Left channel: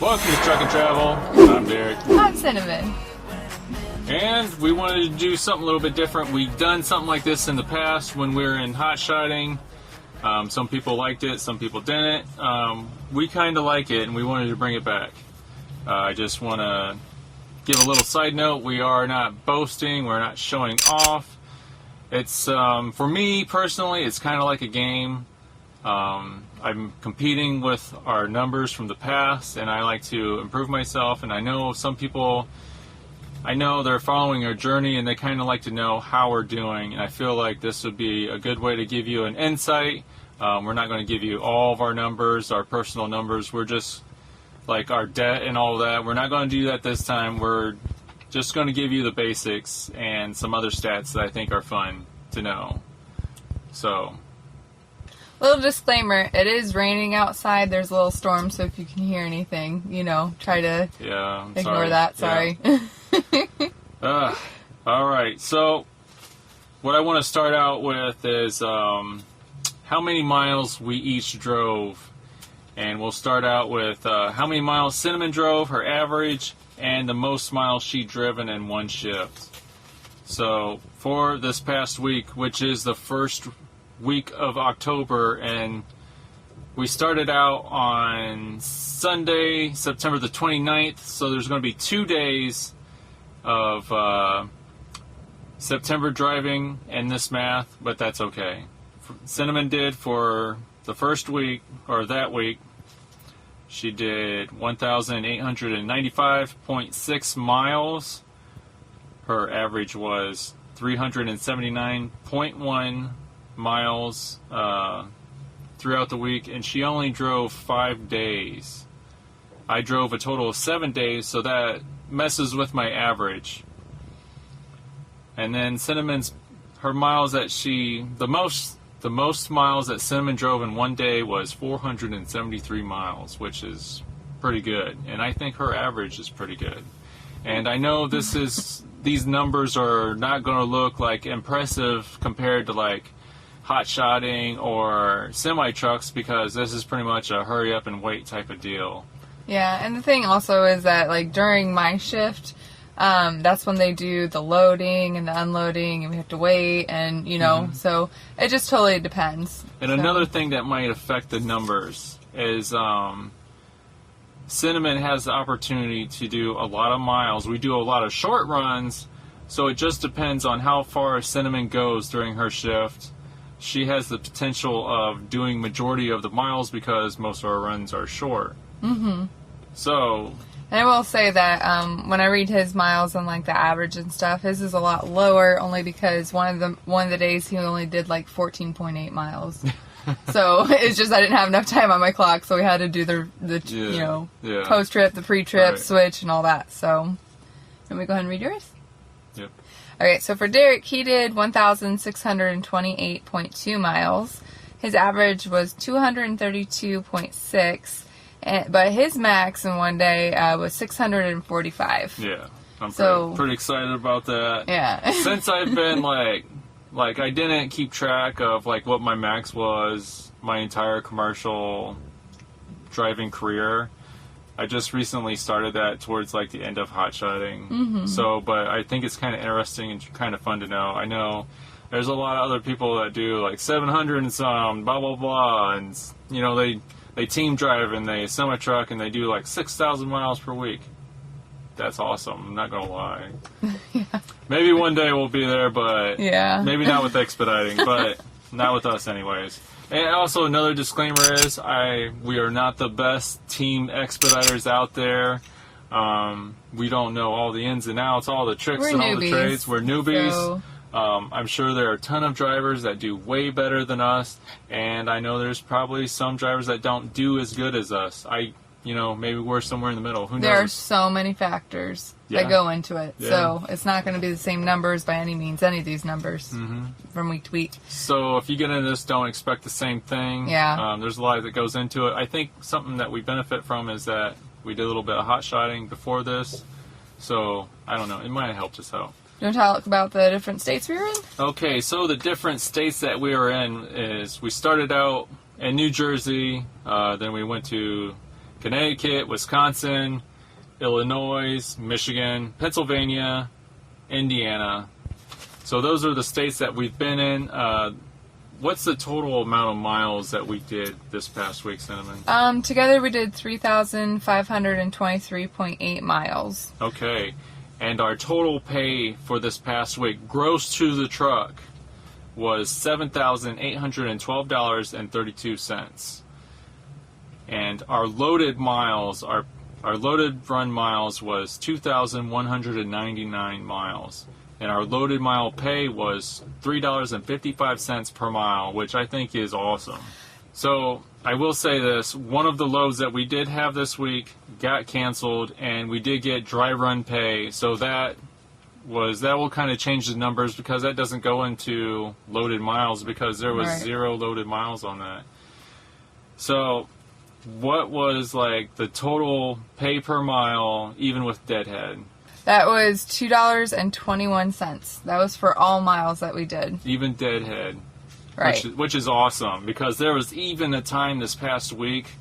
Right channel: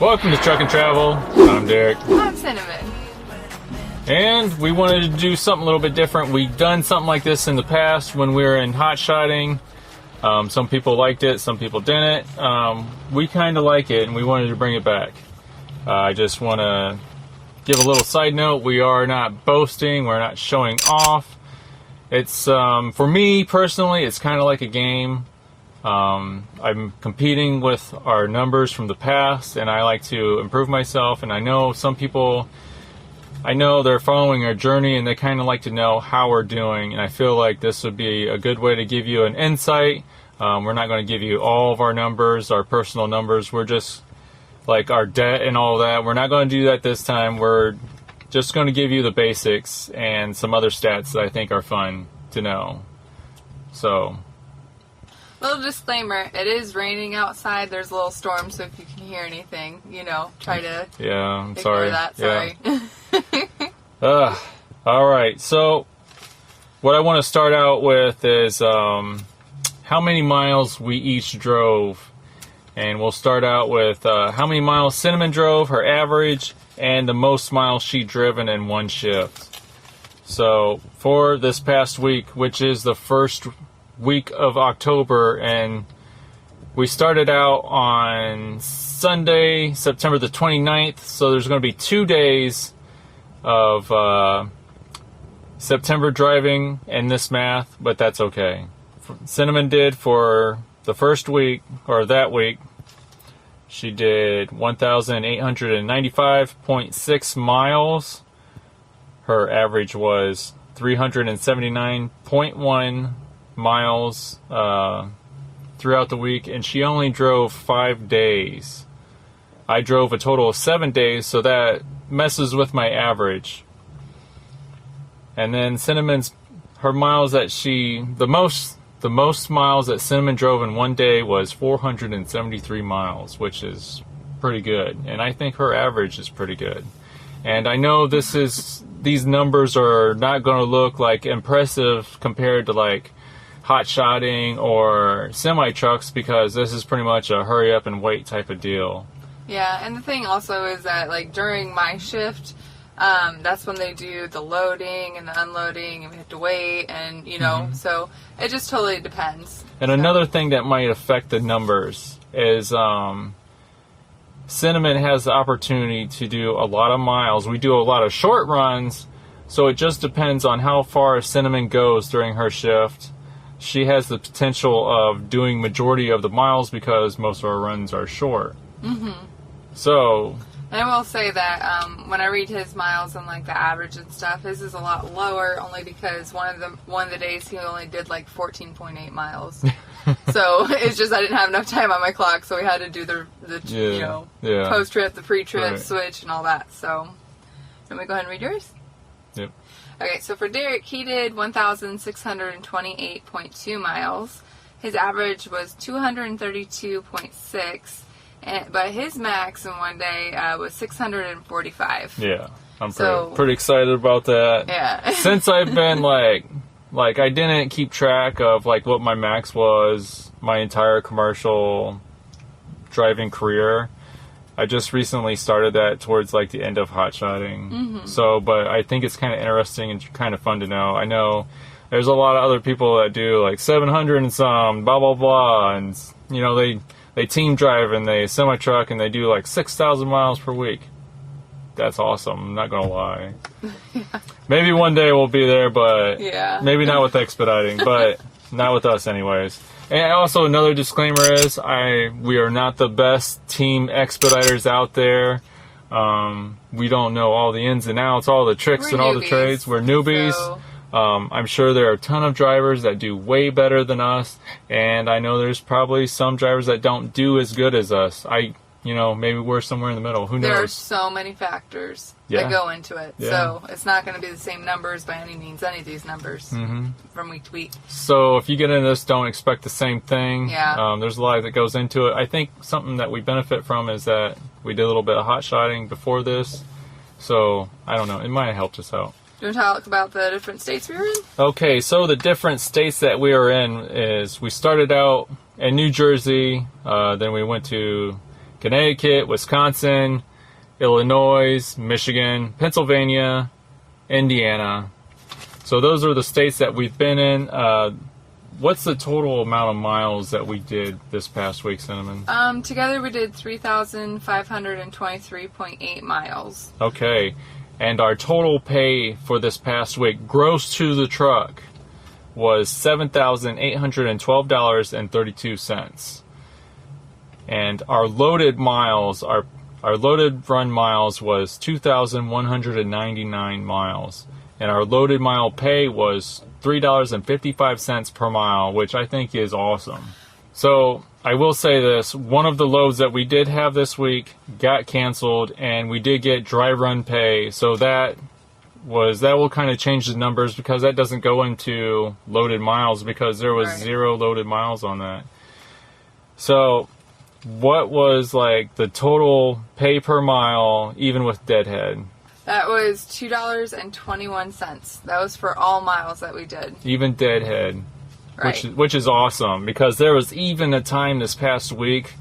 Welcome to Truck and Travel. I'm Derek. I'm Cinnamon. And we wanted to do something a little bit different. We've done something like this in the past when we were in hot shotting. Some people liked it, some people didn't. We kind of like it and we wanted to bring it back. I just want to give a little side note. We are not boasting, we're not showing off. It's, for me personally, it's kind of like a game. I'm competing with our numbers from the past, and I like to improve myself. And I know some people, I know they're following our journey, and they kind of like to know how we're doing. And I feel like this would be a good way to give you an insight. We're not going to give you all of our numbers, our personal numbers. We're just like our debt and all that. We're not going to do that this time. We're just going to give you the basics and some other stats that I think are fun to know. So. Little disclaimer, it is raining outside. There's a little storm, so if you can hear anything, try to ignore that. Sorry. Yeah. All right. So what I want to start out with is how many miles we each drove. And we'll start out with how many miles Cinnamon drove, her average, and the most miles she driven in one shift. So for this past week, which is the first week of October, and we started out on Sunday, September the 29th, so there's going to be 2 days of September driving in this math, but that's okay. Cinnamon did for the first week, or that week, she did 1,895.6 miles. Her average was 379.1 miles throughout the week, and she only drove 5 days. I drove a total of 7 days, so that messes with my average. And then Cinnamon's, her miles that the most miles that Cinnamon drove in one day was 473 miles, which is pretty good, and I think her average is pretty good. And I know these numbers are not going to look like impressive compared to like hot shotting or semi trucks, because this is pretty much a hurry up and wait type of deal. Yeah, and the thing also is that like during my shift, that's when they do the loading and the unloading, and we have to wait, and so it just totally depends. And another thing that might affect the numbers is Cinnamon has the opportunity to do a lot of miles. We do a lot of short runs, so it just depends on how far Cinnamon goes during her shift. She has the potential of doing majority of the miles because most of our runs are short. Mm-hmm. So. And I will say that when I read his miles and like the average and stuff, his is a lot lower, only because one of the days he only did like 14.8 miles. So it's just I didn't have enough time on my clock, so we had to do the post trip, the pre trip switch, and all that. So let me go ahead and read yours. Yep. Okay, so for Darrick, he did 1,628.2 miles. His average was 232.6, but his max in one day was 645. Yeah, I'm pretty excited about that. Yeah. Since I've been like I didn't keep track of like what my max was my entire commercial driving career. I just recently started that towards like the end of hot shotting. Mm-hmm. So, but I think it's kind of interesting and kind of fun to know. I know there's a lot of other people that do like 700 and some, blah, blah, blah. And, they team drive and they semi-truck and they do like 6,000 miles per week. That's awesome. I'm not going to lie. Yeah. Maybe one day we'll be there, but maybe not with Expediting, but not with us anyways. And also another disclaimer is we are not the best team expediters out there. We don't know all the ins and outs, all the tricks and all the trades. We're newbies. So. I'm sure there are a ton of drivers that do way better than us, and I know there's probably some drivers that don't do as good as us. Maybe we're somewhere in the middle. Who knows? There are so many factors that go into it. Yeah. So it's not going to be the same numbers by any means, any of these numbers from week to week. So if you get into this, don't expect the same thing. Yeah. There's a lot that goes into it. I think something that we benefit from is that we did a little bit of hot shotting before this. So, I don't know. It might have helped us out. You want to talk about the different states we were in? Okay, so the different states that we were in is we started out in New Jersey, then we went to Connecticut, Wisconsin, Illinois, Michigan, Pennsylvania, Indiana. So those are the states that we've been in. What's the total amount of miles that we did this past week, Cinnamon? Together we did 3,523.8 miles. Okay. And our total pay for this past week, gross to the truck, was $7,812.32. And our loaded miles, our loaded run miles was 2,199 miles. And our loaded mile pay was $3.55 per mile, which I think is awesome. So I will say this, one of the loads that we did have this week got canceled, and we did get dry run pay. So that will kind of change the numbers, because that doesn't go into loaded miles, because there was zero loaded miles on that. So what was like the total pay per mile, even with deadhead? That was $2.21. That was for all miles that we did. Even deadhead. Right. Which is awesome, because there was even a time this past week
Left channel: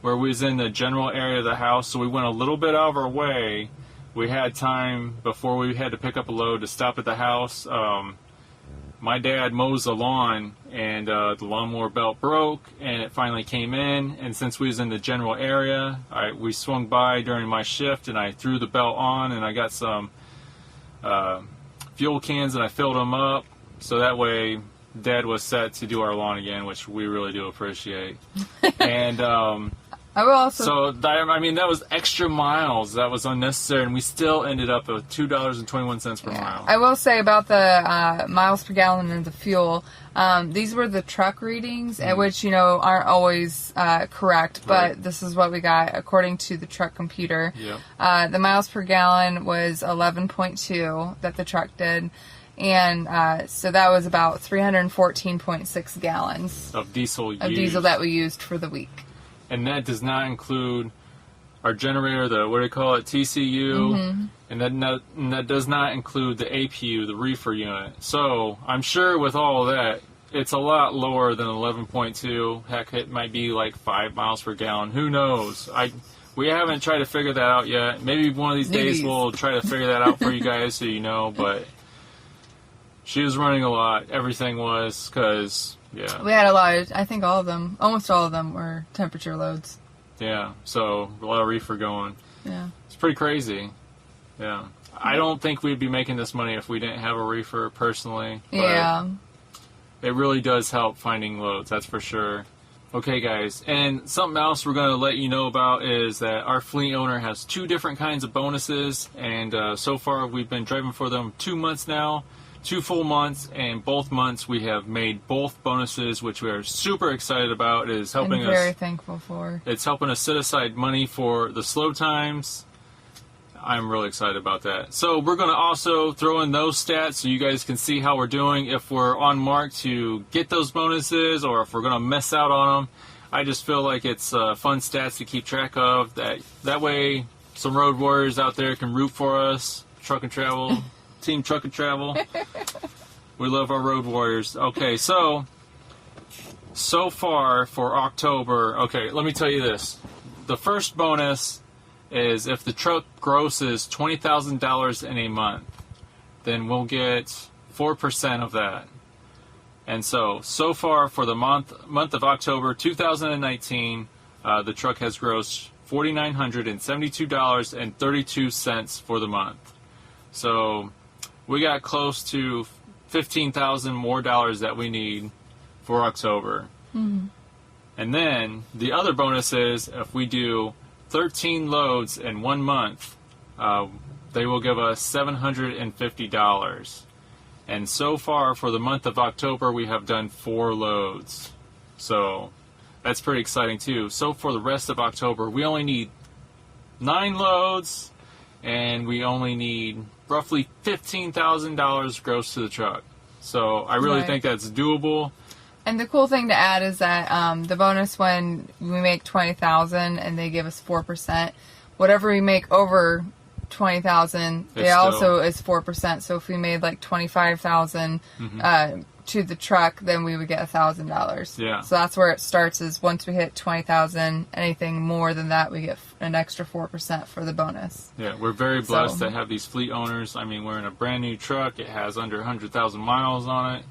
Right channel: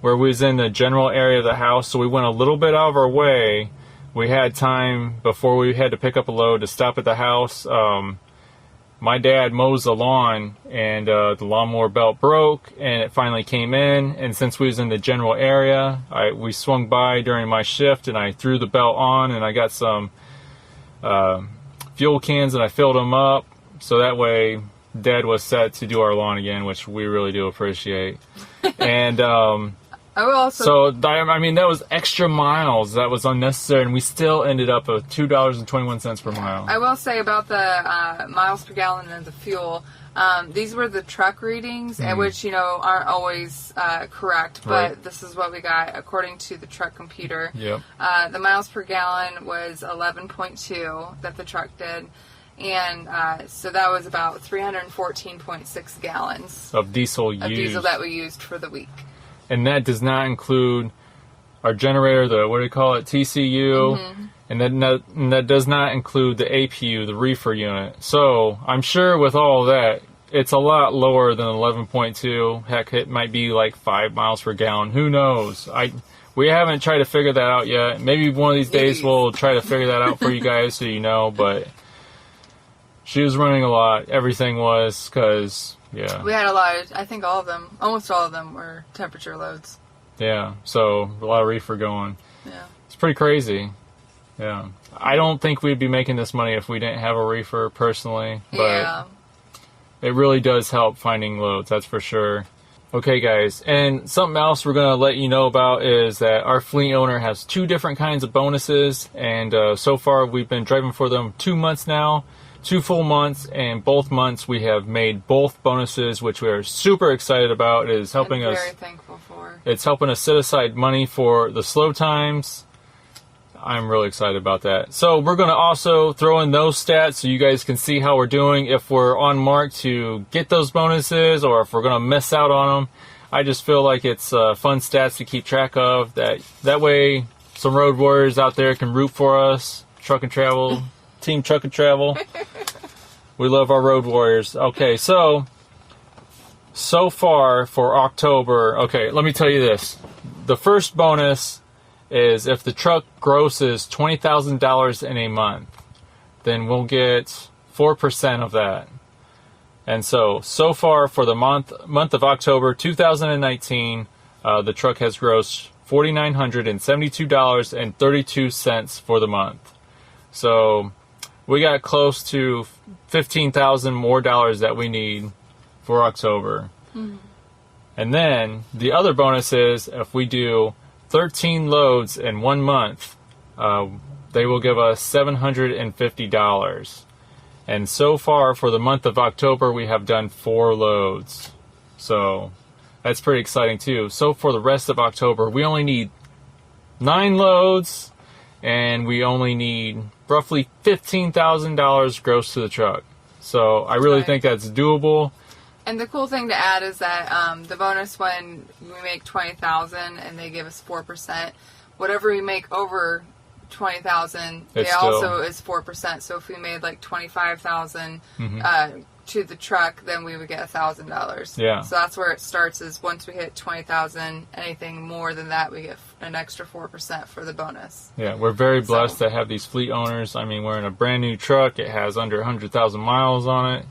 where we was in the general area of the house, so we went a little bit out of our way. We had time before we had to pick up a load to stop at the house. My dad mows the lawn, and the lawnmower belt broke, and it finally came in. And since we was in the general area, we swung by during my shift, and I threw the belt on, and I got some fuel cans, and I filled them up, so that way Dad was set to do our lawn again, which we really do appreciate. And so I mean, that was extra miles that was unnecessary, and we still ended up with $2.21 per mile. I will say about the miles per gallon and the fuel, these were the truck readings, which aren't always correct, but this is what we got according to the truck computer. Yep. The miles per gallon was 11.2 that the truck did. And so that was about 314.6 gallons of diesel that we used for the week. And that does not include our generator, the, what do we call it, TCU, and that does not include the APU, the Reefer unit. So I'm sure with all of that, it's a lot lower than 11.2. Heck, it might be like 5 miles per gallon. Who knows? We haven't tried to figure that out yet. Maybe one of these days we'll try to figure that out for you guys so you know, but she was running a lot. Everything was, because, yeah. We had a lot of, I think almost all of them were temperature loads. Yeah, so a lot of reefer going. Yeah. It's pretty crazy. Yeah. I don't think we'd be making this money if we didn't have a reefer personally. But yeah. It really does help finding loads, that's for sure. Okay, guys, and something else we're going to let you know about is that our fleet owner has 2 different kinds of bonuses, and so far we've been driving for them 2 months now. 2 full months, and both months we have made both bonuses, which we are super excited about. It is helping us. Very thankful for. It's helping us set aside money for the slow times. I'm really excited about that. So we're going to also throw in those stats so you guys can see how we're doing, if we're on mark to get those bonuses or if we're going to miss out on them. I just feel like it's fun stats to keep track of. That way some road warriors out there can root for us. Truck and Travel. Team Truck and Travel. We love our road warriors. Okay, so far for October, okay, let me tell you this. The first bonus is if the truck grosses $20,000 in a month, then we'll get 4% of that. And so far for the month of October 2019, the truck has grossed $4,972.32 for the month. So we got close to $15,000 more dollars that we need for October. And then the other bonus is if we do 13 loads in 1 month, they will give us $750. And so far for the month of October, we have done 4 loads. So that's pretty exciting too. So for the rest of October, we only need 9 loads, and we only need roughly $15,000 gross to the truck. So I really think that's doable. And the cool thing to add is that the bonus, when we make $20,000 and they give us 4%, whatever we make over $20,000, it also is 4%. So if we made like $25,000, to the truck, then we would get $1,000. Yeah. So that's where it starts. Is once we hit 20,000, anything more than that, we get an extra 4% for the bonus. Yeah, we're very blessed to have these fleet owners. I mean, we're in a brand new truck. It has under 100,000 miles on it.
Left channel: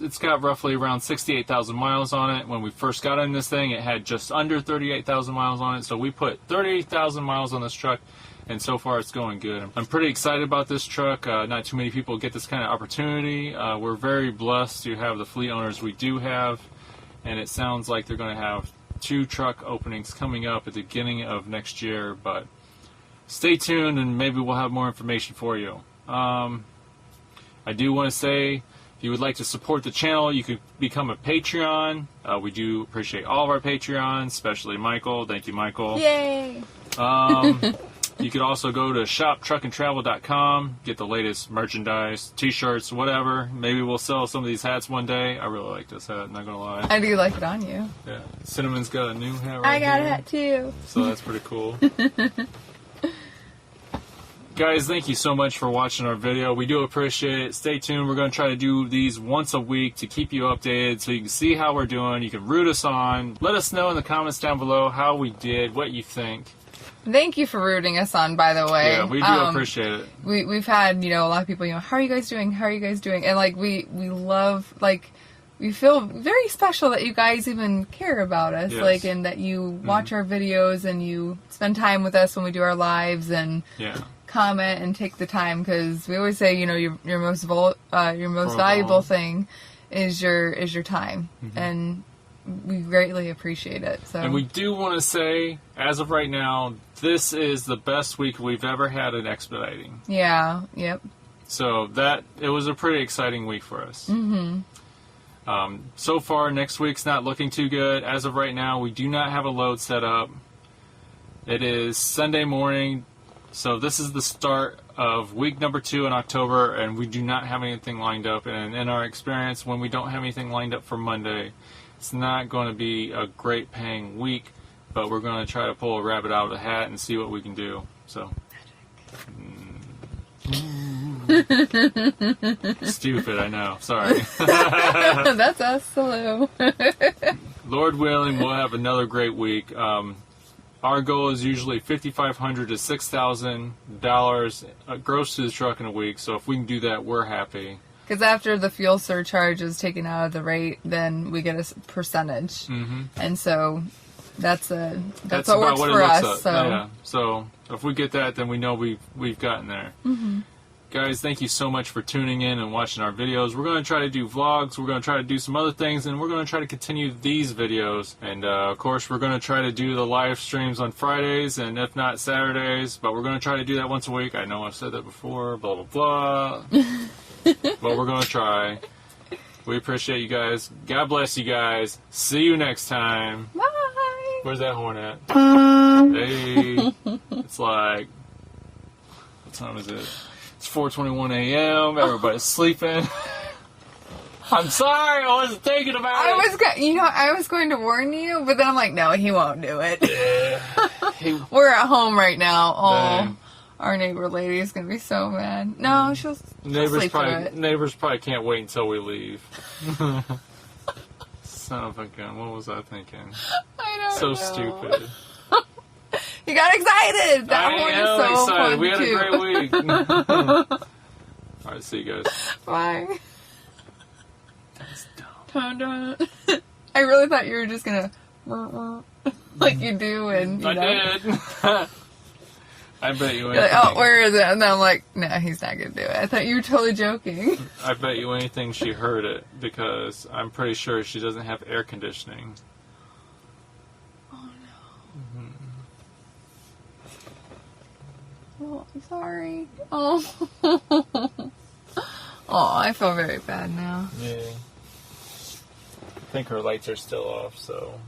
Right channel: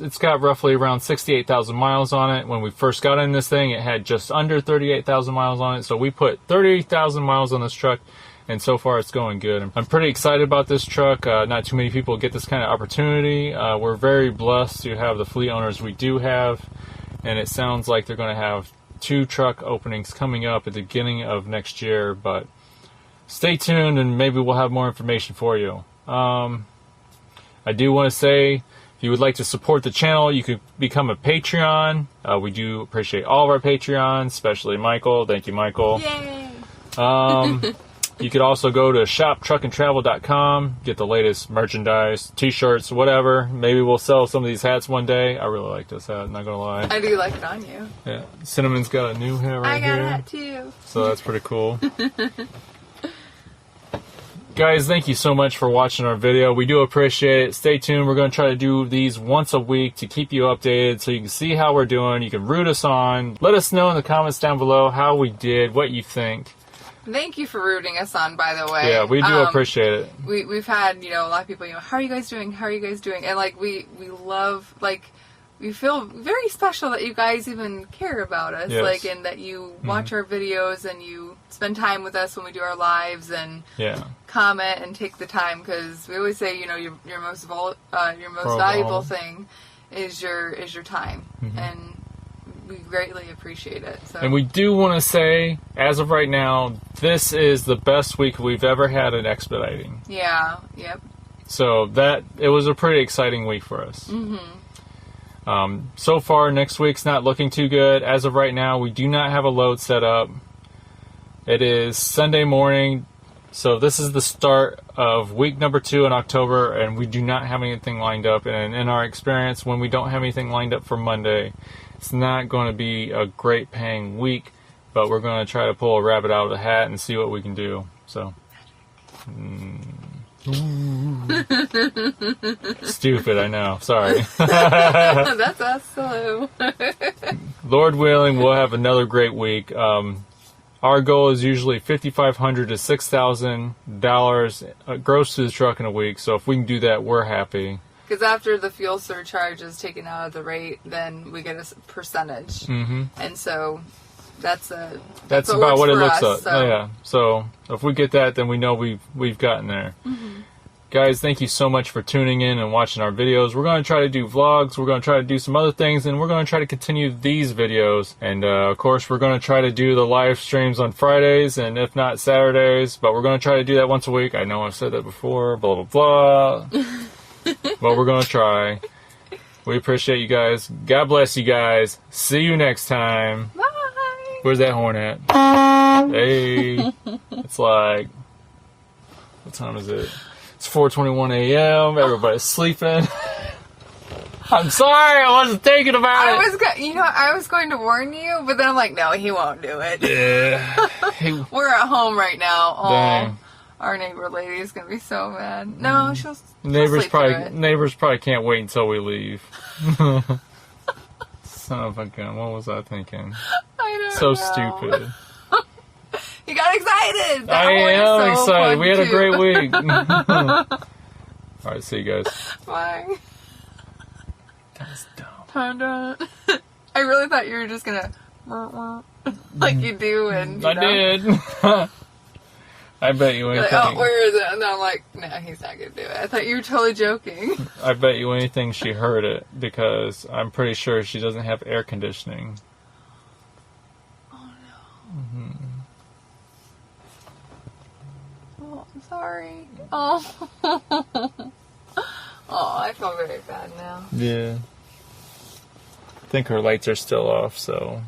It's got roughly around 68,000 miles on it. When we first got in this thing, it had just under 38,000 miles on it. So we put 30,000 miles on this truck, and so far it's going good. I'm pretty excited about this truck. Not too many people get this kind of opportunity. We're very blessed to have the fleet owners we do have, and it sounds like they're going to have 2 truck openings coming up at the beginning of next year, but stay tuned and maybe we'll have more information for you. I do want to say, if you would like to support the channel, you can become a Patreon. We do appreciate all of our Patreons, especially Michael. Thank you, Michael. Yay! You could also go to shoptruckandtravel.com, get the latest merchandise, t-shirts, whatever. Maybe we'll sell some of these hats one day. I really like this hat, not gonna lie. I do like it on you. Yeah, Cinnamon's got a new hat right here. I got a hat too. So that's pretty cool. Guys, thank you so much for watching our video. We do appreciate it. Stay tuned. We're going to try to do these once a week to keep you updated so you can see how we're doing. You can root us on. Let us know in the comments down below how we did, what you think. Thank you for rooting us on, by the way. Yeah, we do appreciate it. We've had, a lot of people, how are you guys doing? How are you guys doing? And, we love, we feel very special that you guys even care about us. Yes. And that you watch our videos and you spend time with us when we do our lives and comment and take the time, because we always say, your most valuable thing is your time. And we greatly appreciate it. So. And we do want to say, as of right now, this is the best week we've ever had in expediting. Yeah, yep. So it was a pretty exciting week for us. So far, next week's not looking too good. As of right now, we do not have a load set up. It is Sunday morning, so this is the start of week number 2 in October, and we do not have anything lined up. And in our experience, when we don't have anything lined up for Monday, it's not going to be a great paying week, but we're going to try to pull a rabbit out of the hat and see what we can do. So, stupid, I know. Sorry. That's us. Hello. Lord willing, we'll have another great week. Our goal is usually $5,500 to $6,000 gross to the truck in a week. So if we can do that, we're happy. Because after the fuel surcharge is taken out of the rate, then we get a percentage, and so that's what about what it looks us, like. So. Yeah. So if we get that, then we know we've gotten there. Guys, thank you so much for tuning in and watching our videos. We're going to try to do vlogs. We're going to try to do some other things, and we're going to try to continue these videos. And of course, we're going to try to do the live streams on Fridays, and if not Saturdays. But we're going to try to do that once a week. I know I've said that before. Blah blah blah. But we're going to try. We appreciate you guys. God bless you guys. See you next time. Bye. Where's that horn at? Hey. It's like, what time is it? It's 4:21 a.m. Everybody's sleeping. I'm sorry. I wasn't thinking about it. I was going to warn you, but then I'm like, no, he won't do it. Yeah. We're at home right now. Oh. Dang. Our neighbor lady is gonna be so mad. No, she'll Neighbors sleep through it. Neighbors probably can't wait until we leave. Son of a gun. What was I thinking? I don't so know. Stupid. You got excited. That I horn is am so excited. fun We had a too. great week. All right, see you guys. Bye. That was dumb. I really thought you were just gonna like you do, and I did. I bet you anything. Like, oh, where is it? And then I'm like, no, he's not gonna do it. I thought you were totally joking. I bet you anything she heard it, because I'm pretty sure she doesn't have air conditioning. Oh no. Oh, I'm sorry. Oh. Oh, I feel very bad now. Yeah. I think her lights are still off, so